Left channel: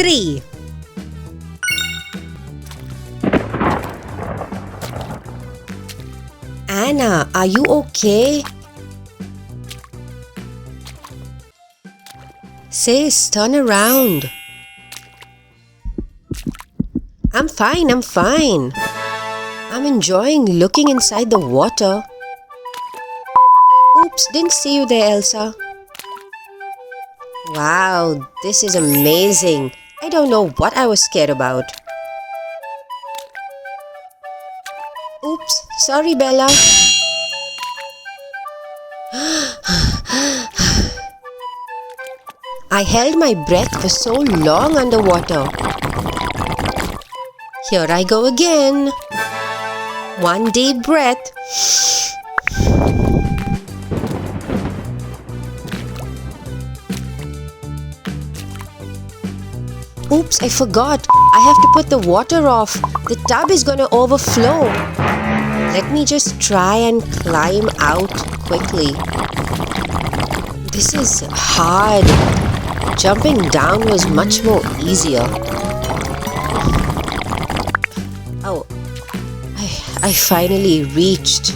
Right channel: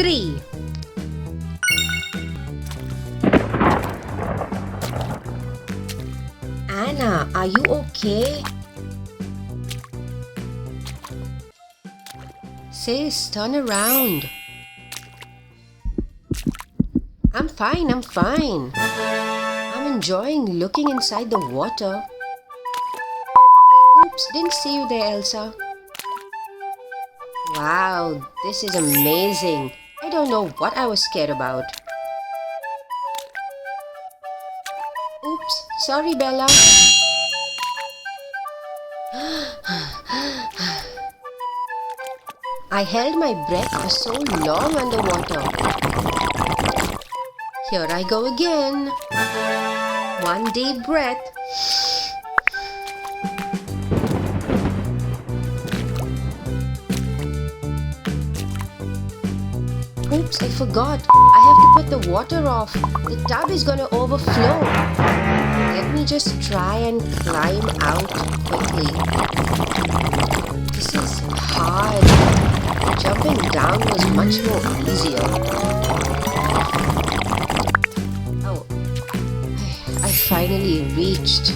3. Anna, are you okay? Sis, turn around. I'm fine. I'm enjoying looking inside the water. Oops, didn't see you there, Elsa. Wow, this is amazing. I don't know what I was scared about. Oops, sorry, Bella. I held my breath for so long underwater. Here I go again. One deep breath. Oops, I forgot. I have to put the water off. The tub is gonna overflow. Let me just try and climb out quickly. This is hard. Jumping down was much more easier. Oh, I finally reached.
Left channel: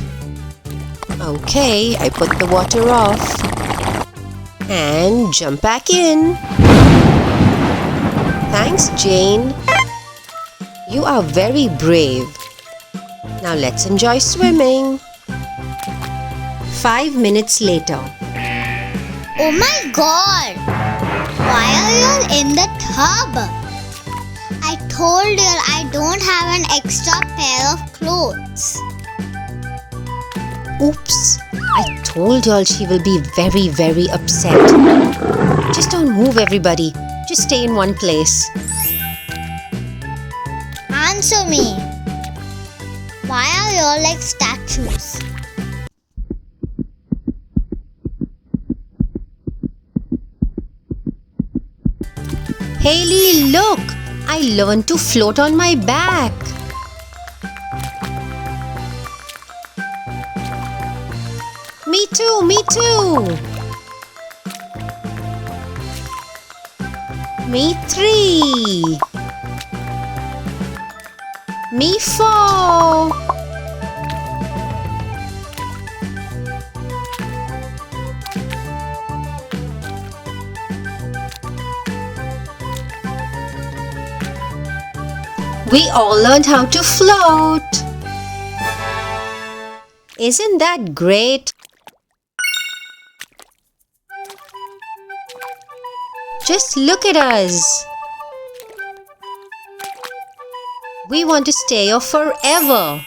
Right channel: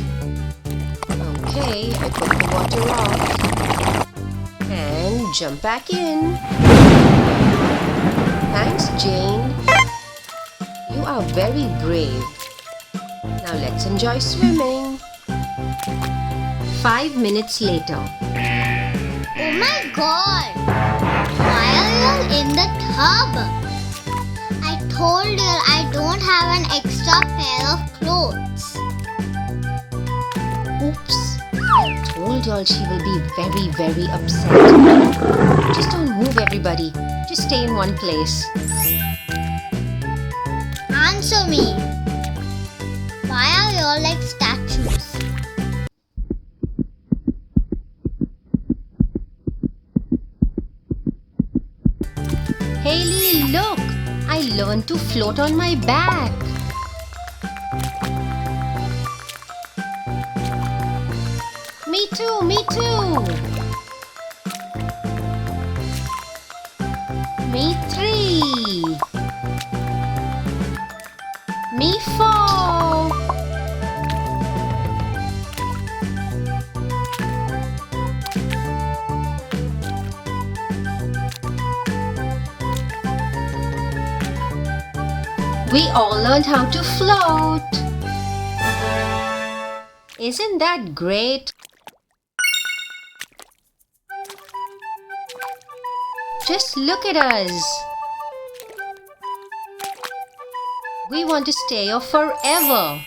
Okay, I put the water off. And jump back in. Thanks, Jane. You are very brave. Now let's enjoy swimming. 5 minutes later. Oh my god! Why are you all in the tub? I told you I don't have an extra pair of clothes. Oops. I told y'all she will be very, very upset. Just don't move, everybody. Just stay in one place. Answer me. Why are you all like statues? Haley, look! I learned to float on my back. Me too. Me 3. Me 4. We all learned how to float. Isn't that great? Just look at us. We want to stay here forever.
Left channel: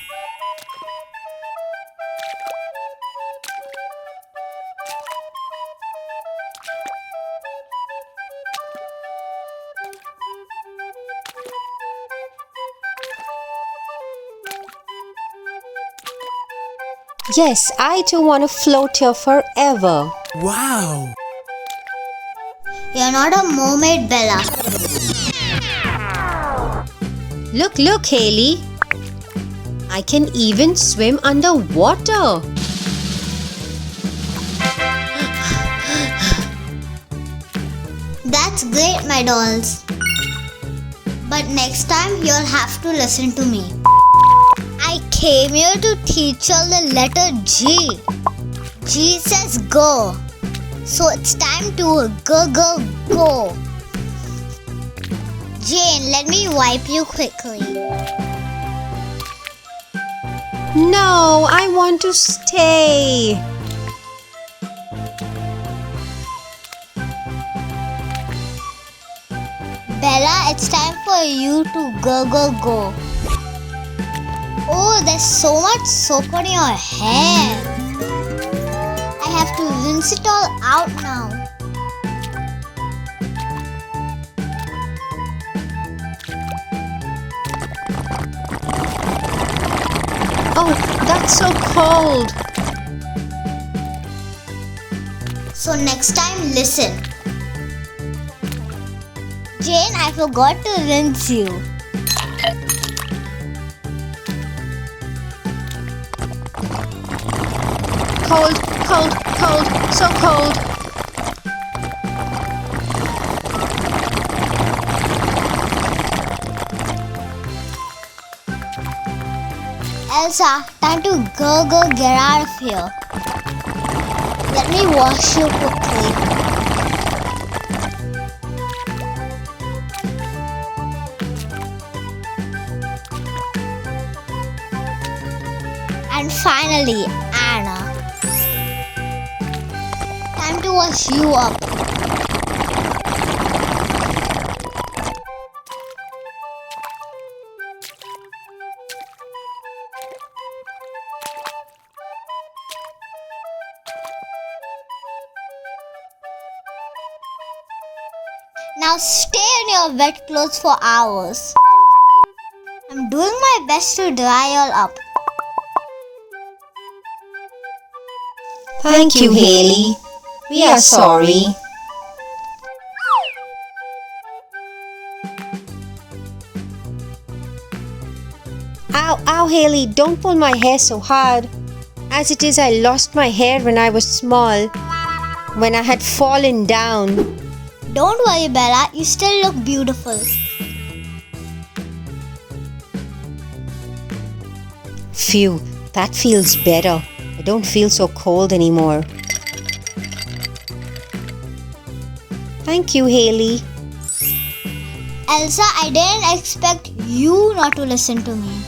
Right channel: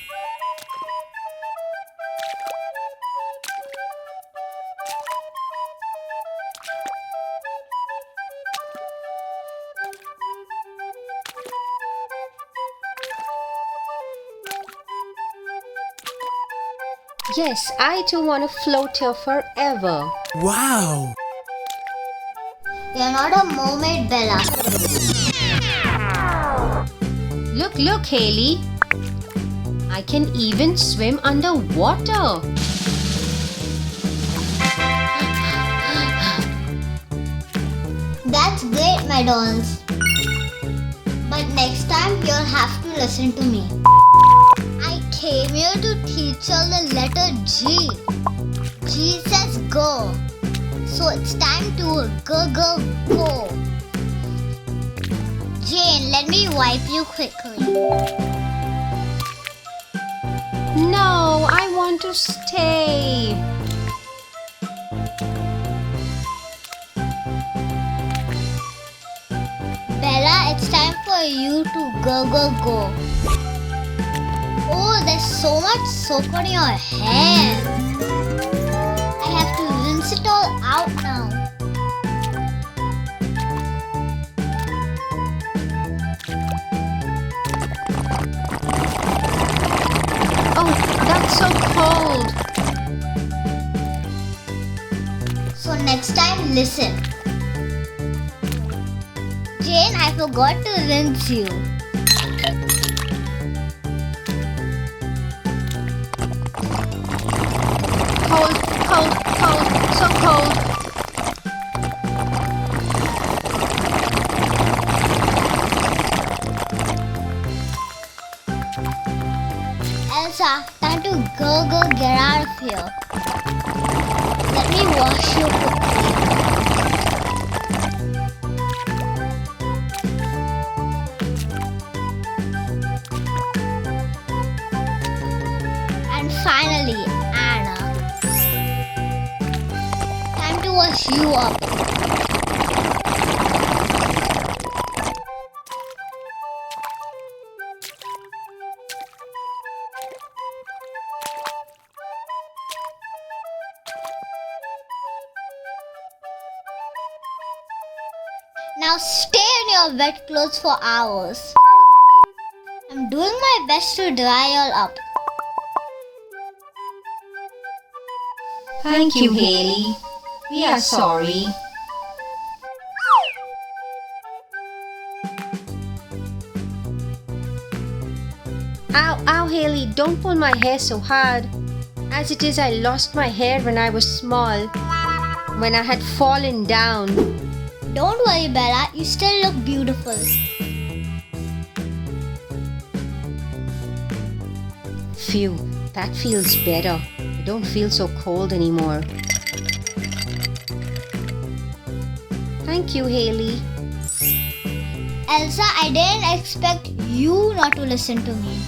Yes, I too want to float here forever. Wow! You're not a mermaid, Bella. Look, Haley. I can even swim underwater. That's great, my dolls. But next time you'll have to listen to me. I came here to teach you the letter G. G says go. So it's time to go. Jane, let me wipe you quickly. No, I want to stay. Bella, it's time for you to go. Oh, there's so much soap on your hair. I have to rinse it all out now. Oh, that's so cold. So next time, listen. Jane, I forgot to rinse you. Cold, so cold. Elsa, time to go get out of here. Let me wash you quickly. And finally, Anna. Time to wash you up. Now stay in your wet clothes for hours. I'm doing my best to dry all up. Thank you, Haley. We are sorry. Ow, Haley, don't pull my hair so hard. As it is, I lost my hair when I was small, when I had fallen down. Don't worry, Bella, you still look beautiful. Phew, that feels better. I don't feel so cold anymore. Thank you, Haley. Elsa, I didn't expect you not to listen to me.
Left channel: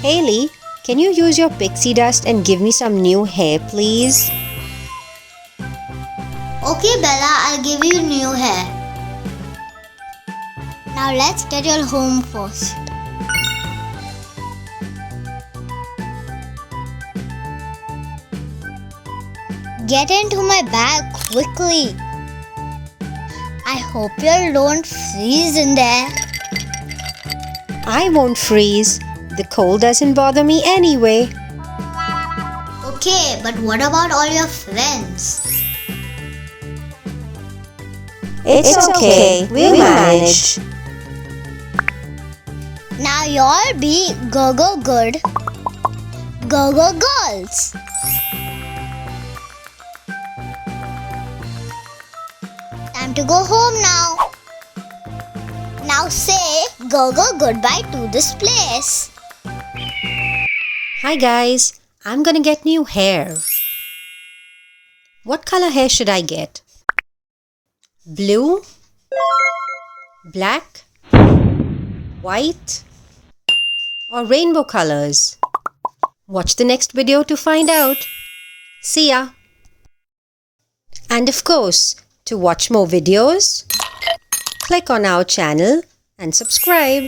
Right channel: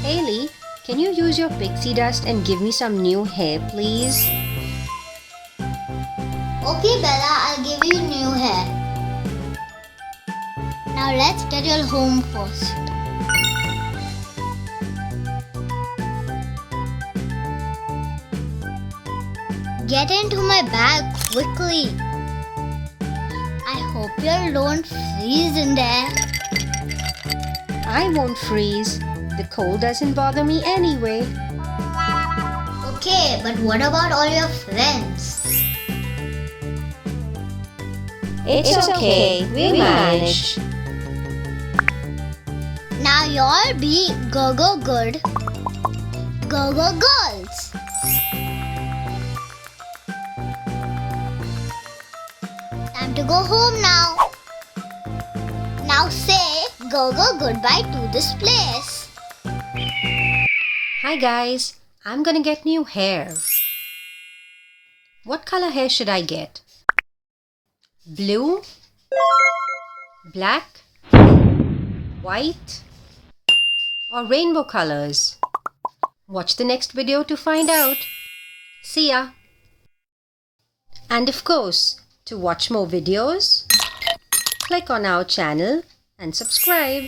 Haley, can you use your pixie dust and give me some new hair, please? Okay, Bella, I'll give you new hair. Now let's get you home first. Get into my bag quickly. I hope you don't freeze in there. I won't freeze. The cold doesn't bother me anyway. Okay, but what about all your friends? It's okay. We'll manage. Now you'll be go good. Go girls. Time to go home now. Now say go goodbye to this place. Hi guys, I'm gonna get new hair. What color hair should I get? Blue? Black? White? Or rainbow colors? Watch the next video to find out. See ya! And of course, to watch more videos, click on our channel and subscribe.